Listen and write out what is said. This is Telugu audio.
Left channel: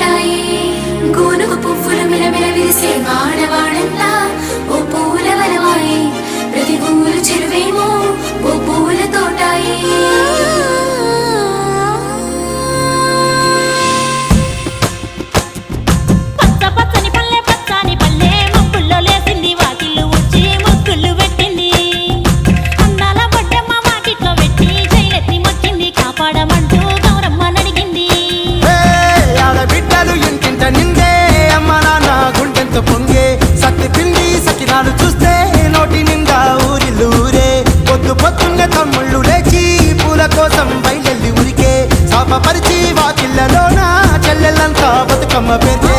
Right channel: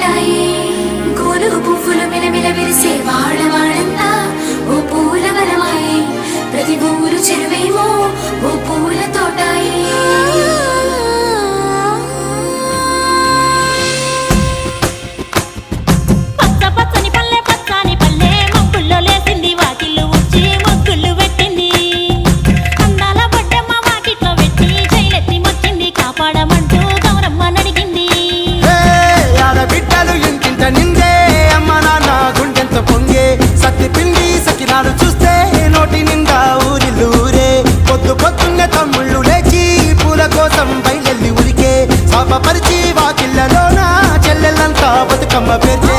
తోటాయి గోరు పువ్వులు మిలమిల విరిసే వాడవాడంతా ఓ పూల వరవాయి ప్రతి పువ్వులు చెరువేమో ఓ పూల తోటాయి పచ్చ పచ్చని పల్లె పచ్చని పల్లె మబ్బుల్లో లేసింది వాకిళ్ళు ఊడ్చి ముగ్గులు పెట్టింది అందాల బొడ్డమ్మ వాకిట్లో పెట్టి జైలెత్తి మొక్కింది కాపాడమంటూ గౌరమ్మ నడిగింది బిడ్డలు ఇంటింట నిందే అమ్మ నాన్న గుండెంతో పొంగే సత్తి పిండి సకినాలు చూస్తే నోటి నిండా ఊరిల్లూరే పొద్దు పొద్దున్నే తమ్ముళ్ళు లేచి పూల కోసం బయలెల్లి ఉరికే శాపపరిచి వాకిళ్ళలోన చెల్లెళ్ళంతా బతుకమ్మ పేర్చే